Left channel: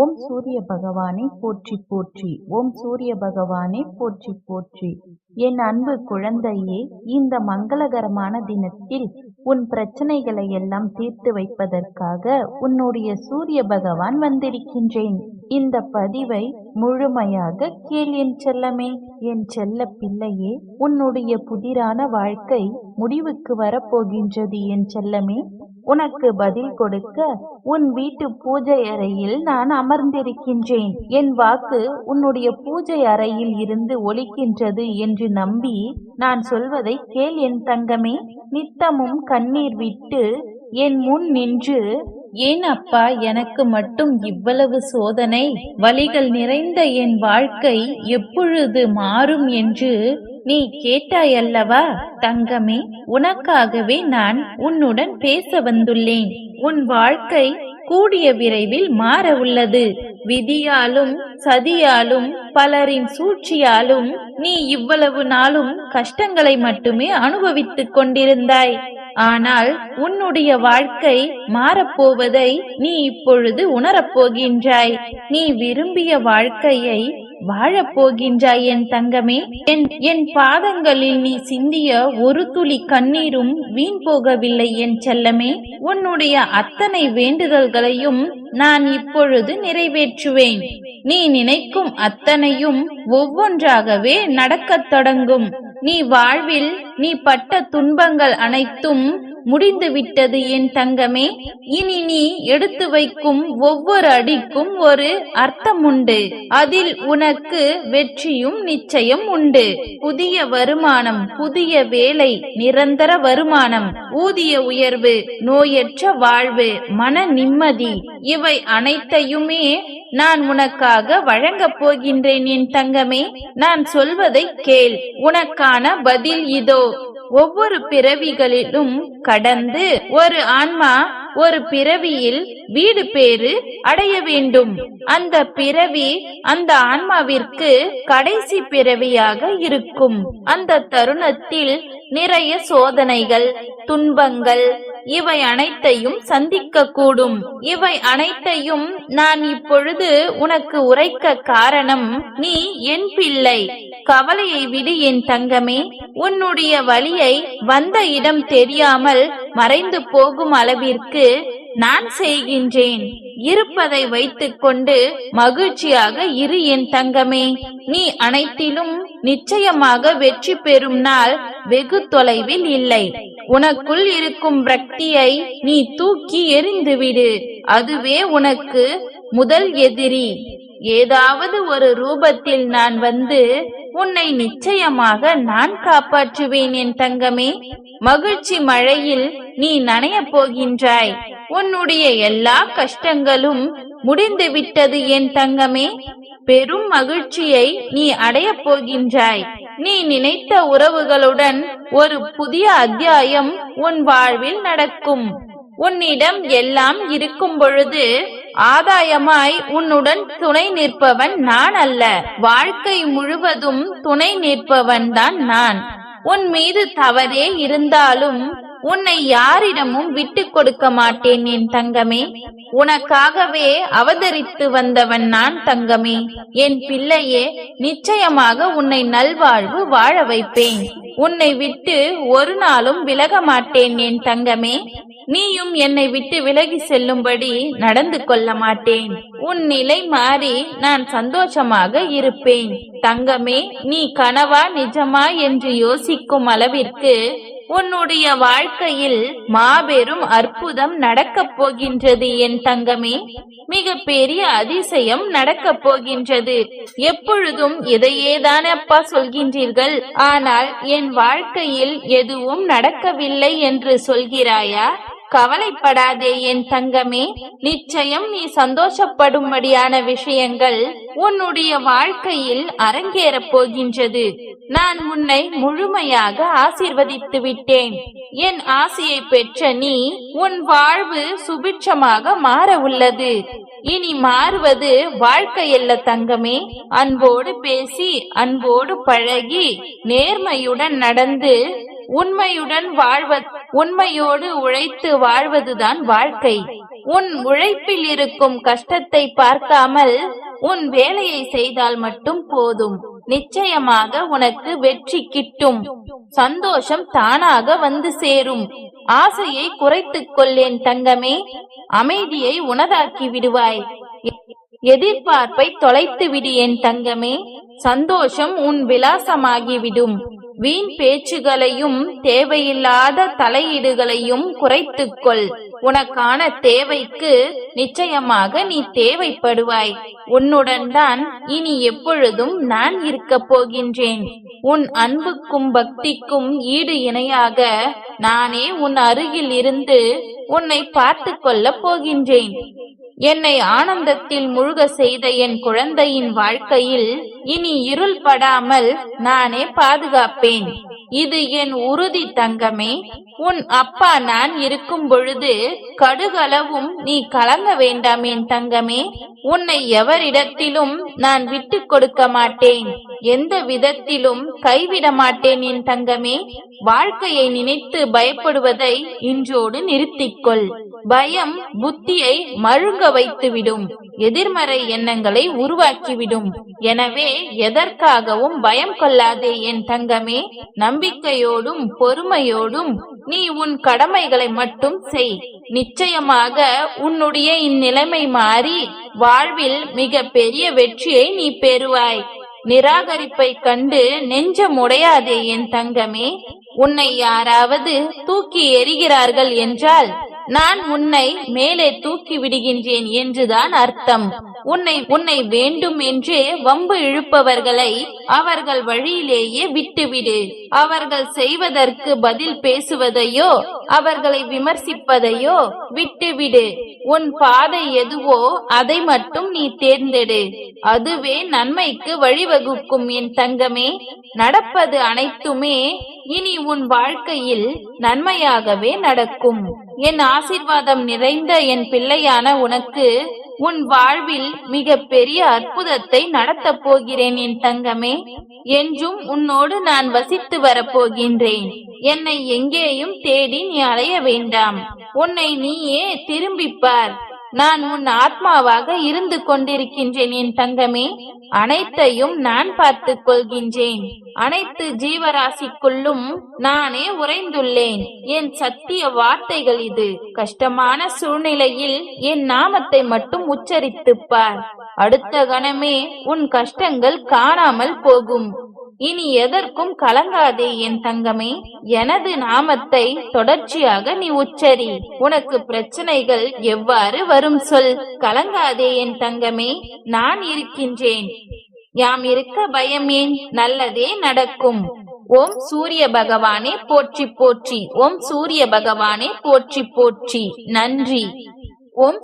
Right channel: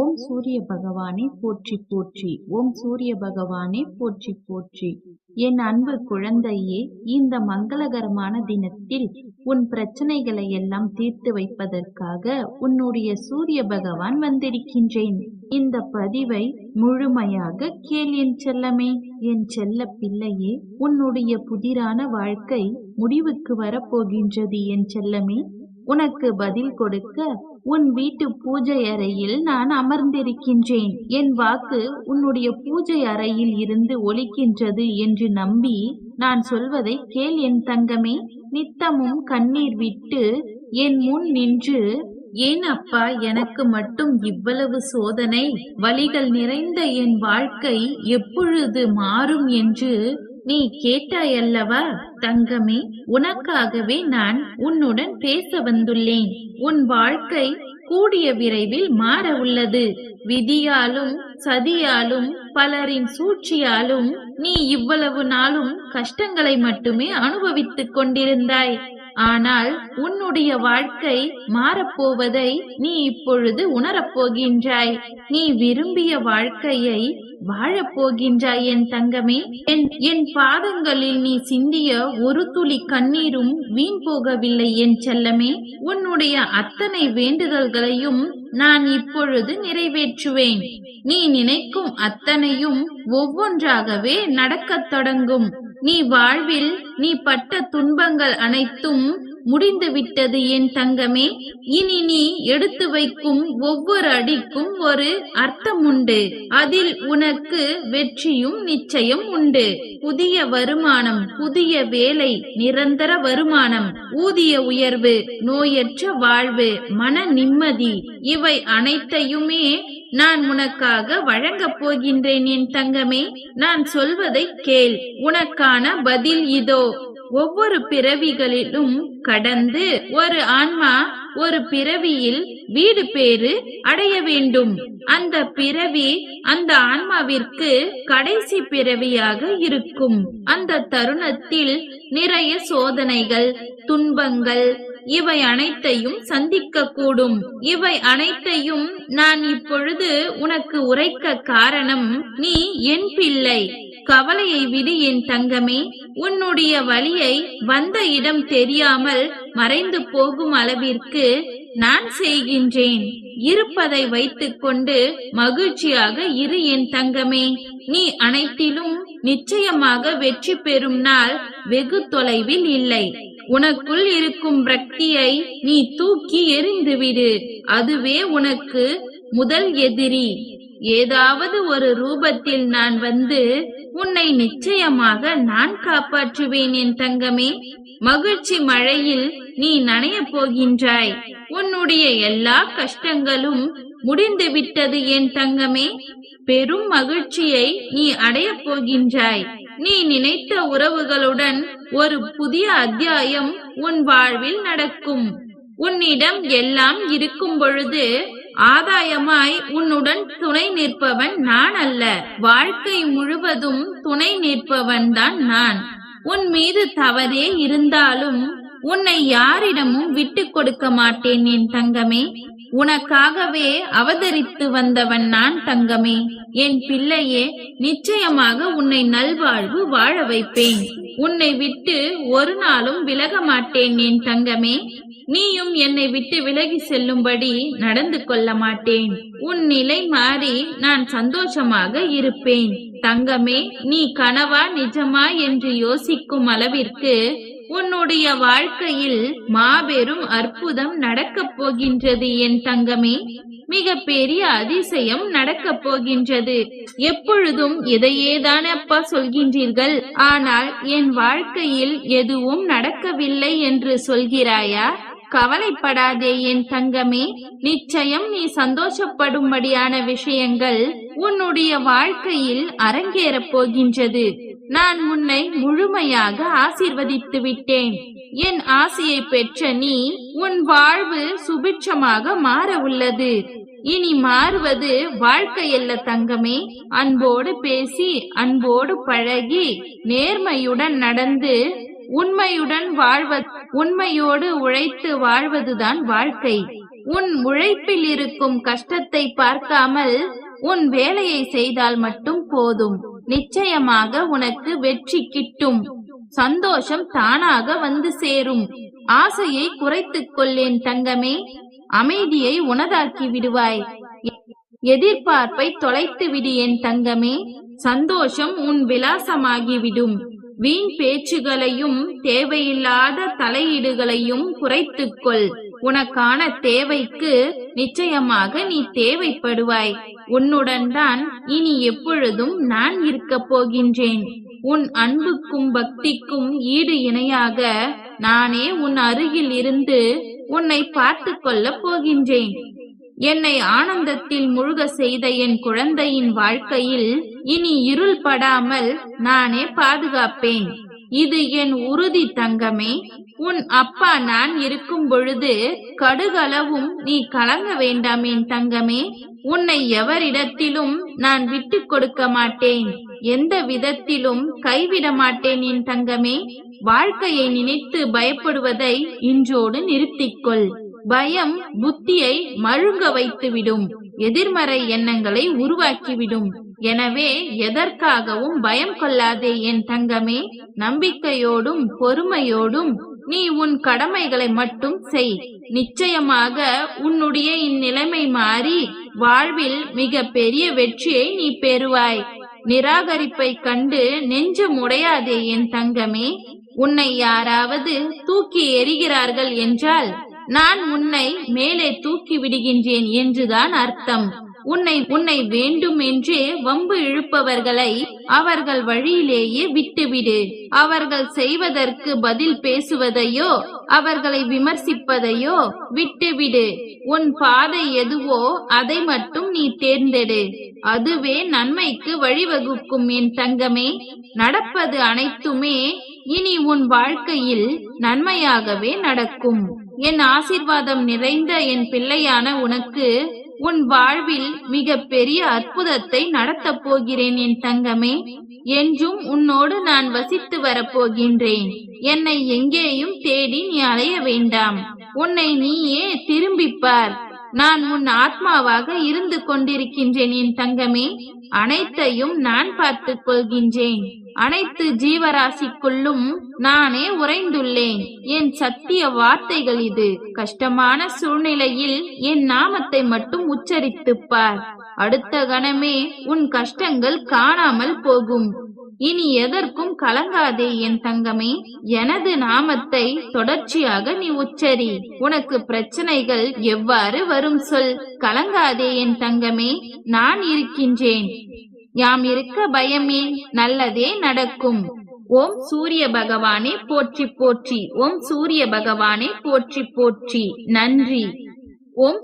ஓம் சூரிய பகவானே போற்றி போற்றி. ஓம் சூரிய பகவானே போற்றி போற்றி. என் அன்பு குழந்தையே, இந்த மங்களகரமான தினத்தில் உன் பிரச்சனைகளை எல்லாம் தீர்த்து வைப்பதற்காக உன்னுடைய சூரிய பகவான் வந்திருக்கின்றேன். இந்த பதிவை முழுமையாக கேள் என் செல்லமே. என் செல்ல பிள்ளையே, உன்னுடைய புதிரான வாழ்க்கை முடிவுக்கு வரப்போகின்றது என் செல்லமே. உனக்கு பதில் கொடுக்க உன் வீட்டு பூஜை அறையில் நான் அமர்ந்திருக்கின்றேன். என் வாக்கு உன்னுடைய பூஜை அறையில் இருந்து ஒலிக்கின்றது என்று நம்பி நான் சொல்வதை கேள் என் தங்கமே. நித்தமும் கண்ணீர் விட்டு என் முன் நின்று, ஏன் அப்பா எனக்கு மட்டும் இவ்வளவு சோதனை, வலிகள் நிறைந்த என் வாழ்க்கை எப்பொழுது மாறும் என்று நீ கேட்டாயல்லவா தங்கமே. உனக்காகவே நான் உன்னுடன் பேச வந்துள்ளேன். உன் வாழ்க்கை கூடிய விரைவில் மாற உள்ளது. விதியாலும் சதியாலும் பலரின் சூழ்ச்சியாலும் நீ இவ்வளவு நாளும் கஷ்டங்களை மட்டுமே அனுபவித்துக் கொண்டிருந்தாய். ஆனால் உன்னுடைய வாழ்க்கை மாறப்போவதை நீ இப்பொழுது உணரப்போகின்றாய். நீ விரும்பிய வாழ்க்கையை வாழப்போகின்றாய் என் தங்கமே. என் பாதங்களில் நீ சிந்திய ஒரு துளி கண்ணீரும் வீண் போகவில்லை என் செல்லமே. உன்னுடைய அத்தனை வேண்டுதல்களையும் நான் இப்பொழுது நிறைவேற்றுவேன். நீ நினைக்கும் அத்தனையும் ஒவ்வொன்றாகவே நடக்கத் தொடங்கும். நீ வாழ்வில் நீ பட்ட துன்பங்கள் அனைத்தும் முடிந்து விட்டது என் தங்கமே. இனி நீ எடுத்து வைக்கும் ஒவ்வொரு அடிக்கும் ஒரு அர்த்தம் உண்டு. அதில் உனக்கு வெற்றியும் நிச்சயம் உண்டு. புதிய வருமானம், புதிய வேலை, நிரந்தர வருமானம், ஊதிய உயர்வு, நோயற்ற வாழ்வு, மன நிம்மதி, இவை அனைத்தையுமே நான் உனக்காக வழங்கப் போகின்றேன் என் தங்கமே. நான் சொல்வதை கேள். உனக்கான பதில் இதோ. ஒவ்வொரு பிறவிகளிலும் கடந்து ஒரு ஆன்மா ஒரு பிறவியில் வீடு பேறு அடைய வேண்டும். அந்த பிறவி அந்த ஆன்மாவிற்கு கடைசி பிறவியாக இருக்கும். அந்த தருணத்தில் நிறைய சோதனைகள், துன்பங்கள், இவை அனைத்தையும் சந்திக்க கூடும். இவை அனைத்தையும் நான் இப்பொழுது உனக்கு உரைக்க காரணம், நீ என் பிள்ளை. கவலையை விடு என் தங்கமே. உன்னுடைய வலியை வந்த இடம் தெரியாமல் மறைந்து போகும் அளவிற்கு நான் செய்கின்றேன். இருப்பதை வைத்துக் கொண்டு மகிழ்ச்சியாக இரு என் தங்கமே. நீ அனைத்திலும் நிச்சயமாக வெற்றி பெறும் நாள் வெகு தொலைவில் இல்லை. உனக்குள் இருக்கும் பிரக்தியை நீ தூக்கி எறிந்துவிடு. அதுவே உனக்கு முதல் எதிரி. ஏதாவது ஒரு ரூபத்தில் நான் வந்து உன்னை நிச்சயமாக நான் காப்பாற்றுவேன் என் தங்கமே. மகிழ்ச்சி மழையில் நீ நனைய போகின்றாய். உன்னுடைய எல்லா கஷ்டங்களும் முடிந்து விட்டது என் தங்கமே. பெரும் மகிழ்ச்சியை நீ அடைய போகின்றாய். நீ நினைத்த உறவுகளுடன் ஒரு புதிய அத்தியாயம் உன் வாழ்வில் நடக்கும். உன்னிடம் எல்லாம் இருக்கும் பொழுது ஆதாயமாய் உன்னுடன் துணை நிற்பவன் நான் அல்ல. வாழ்க்கை முழுவதும் துணை நிற்பவன் தான் நான். உன் மீது தவறே இருந்தாலும் உன்னை யாரிடமும் விட்டு கொடுக்க மாட்டேன் என் தங்கமே. உனக்காகவே அவதரித்து வந்தவன் நான் தங்கமே. என் பிள்ளையே, நிச்சயமாக உன்னை நல்வாழ்வு வாழ வைப்பேன். உன்னை விட்டு ஒரு நாளும் விலக மாட்டேன் என் தங்கமே. நீயும் என்னை விட்டு விலகி செல்லும்படி நடந்து கொள்ள மாட்டேன். உன் நிலை மாறி நான் சந்தோஷமாக இருப்பேன் தங்கமே. நீ கனவா நிஜமா என்று யோசிக்கும் அளவிற்கு உன்னுடைய வாழ்க்கையில் மாபெரும் அற்புதம் நடக்கப் போகின்றது என் தங்கமே. மிக பெரிய அதிசயம் நடக்கப் போகின்றது. எப்பொழுதும் இதையேதான் அப்பா சொல்கின்றீர்கள், ஆனால் என் வாழ்க்கையில் எதுவும் நடக்கவில்லை என்று சொல்கிறாயா? கவலைப்படாதே என் தங்கமே. நிச்சயம் நீ சந்தோஷப்படும்படியான விஷயங்கள் உன்னுடைய வாழ்க்கையில் அரங்கேறப் போகின்றது. நான் உன்னை முழுமையாக ஆசீர்வதித்து விட்டேன். என் ஆசையை பெற்ற நீ உன் வாழ்வு சுபிட்சமாக மாற உள்ளது. இனி மாறுவது வாழ்க்கையல்ல தங்கமே. அன்போடு பேசி, அன்போடு பழகி, நேர்மையுடன் நடந்து, உண்மையோடு உழைத்து வாழ்வதுதான் வாழ்க்கை. உன் உழைப்பில் இருக்கும் கஷ்டத்தை பார்க்காமல் உன் வேலையை செய்தால் மட்டும் போதும். நிச்சயமாக உனக்கு வெற்றி கிட்டும். சந்தோஷம் தானாக வந்து சேரும். ஆசையை குறைத்துக் கொள்ளேன் தங்கமே. அமைதியை உனதாக்கி விடுவாய். எதிர்பார்ப்பை தொலைத்து விடு என் தங்கமே. சந்தோஷம் உன் விலாசமாகிவிடும். வீண் பேச்சுகளையும் தேவையில்லாத தலையீடுகளையும் குறைத்துக்கொள். உனக்கான தேவைக்கு நிச்சயமாக நீ தேவைப்படுவாய். உன்னுடன் தான் இனி எப்பொழுதும் நான் இருக்கப் போகின்றேன். உன் அன்புக்கும் பக்திக்கும் ஈடு இணையாக நானே உன் அருகில் இருந்து உன்னை பார்த்து கொள்ளப் போகின்றேன். என்னை ஆனந்தத்தில் முழுக செய்த என் குழந்தையின் வாழ்க்கையில் இனி இருள் படாமல் நானே பாதுகாப்பேன். இது என் உறுதி தங்கமே. உன் அப்பா நான் இருக்கும் பொழுது கடுகளவும் நீ கலங்க வேண்டாம் என் தங்கமே. உன்னை எவரிடத்திலும் நான் விட்டு கொடுக்க மாட்டேன். எந்த விதத்திலும் கைவிட மாட்டேன் என் தங்கமே. வாழ்க்கையை நினைத்து பயப்படுவதை இன்றோடு நிறுத்திக்கொள். பயம் புத்தியை மழுங்க வைத்துவிடும். எதிர்மறை எண்ணங்களை உருவாக்கிவிடும். எனவே எதற்காகவும் பயம் கொள்ளாதே என் தங்கமே. நம்பிக்கையோடும் பொறுமையோடும் நீ உன் கடமைகளை மட்டும் செய். நிச்சயமாக உன்னுடைய இந்நிலைமை மாறி வாழ்வில் மிக பெரிய வெற்றியை நீ பெறுவாய். நிராகரிப்பை கண்டு நெஞ்சம் உடையாதே என் தங்கமே. உன்னை யாராவது தூக்கி எறிகிறார்கள் என்றால் நான் உன்னை மேலே தூக்கி விடுகின்றேன் என்றுதான் அர்த்தம். உன்னை வேண்டும் என்றே வம்பு இழுப்பவர்களை அவர்கள் வழியிலேயே விட்டுவிடு. அவர்கள் செய்வதற்கு பதில் பேசுவதையோ அவர்களை விமர்சிப்பதையோ விட்டுவிடு. உன் பாதை எதுவோ அதை மட்டும் நீ தேர்ந்தெடு. அதுவே நன்மைக்கு வழிவகுக்கும் என் தங்கமே. நடப்பது அனைத்துமே இனி உன் வாழ்க்கையில் நன்மையாகவே நடக்கும். என் ஆசீர்வாதம் நிறைந்த என் பிள்ளையான உனக்கு உன் வாழ்வில் மிக பெரிய அற்புதத்தை நடத்தப் போகிறேன் என் தங்கமே. என்றும் உன்னோடு நான் வசித்து வரப்போகின்றேன். என்னை எங்கேயும் தேடி நீ அலைய வேண்டாம். உன்னை நீயே திரும்பிப்பார். நான் உன் ஆத்மாவாக இருந்து கொண்டிருக்கின்றேன் என் தங்கமே. அனைத்தையும் நான் பார்த்துக் கொள்கின்றேன். அனைத்து ஜீவராசிக்குள்ளும் நானே உறைந்துள்ளேன். என் சத்திய வார்த்தைகள் இது. கஷ்டமான சூழ்நிலையில் என் நாமத்தை மட்டும் உச்சரித்துப் பார். அடுத்த கணமே உன் கஷ்டங்கள் காணாமல் போகும். இனி எதற்கும் கலங்காதே என் தங்கமே. எனது நாமத்தை தொடர்ச்சியாக நீ உச்சரி. உனக்கு பிரச்சனைகள் எவ்வாறு வரும் சொல். கலங்காதே என் தங்கமே. நான் இருக்கின்றேன். யாம் இருக்க பயமேன். நல்லதே நடக்கும். ஓம் சூரிய பகவானே போற்றி போற்றி. ஓம் சூரிய பகவானே போற்றி போற்றி. நன்றி. ஓம்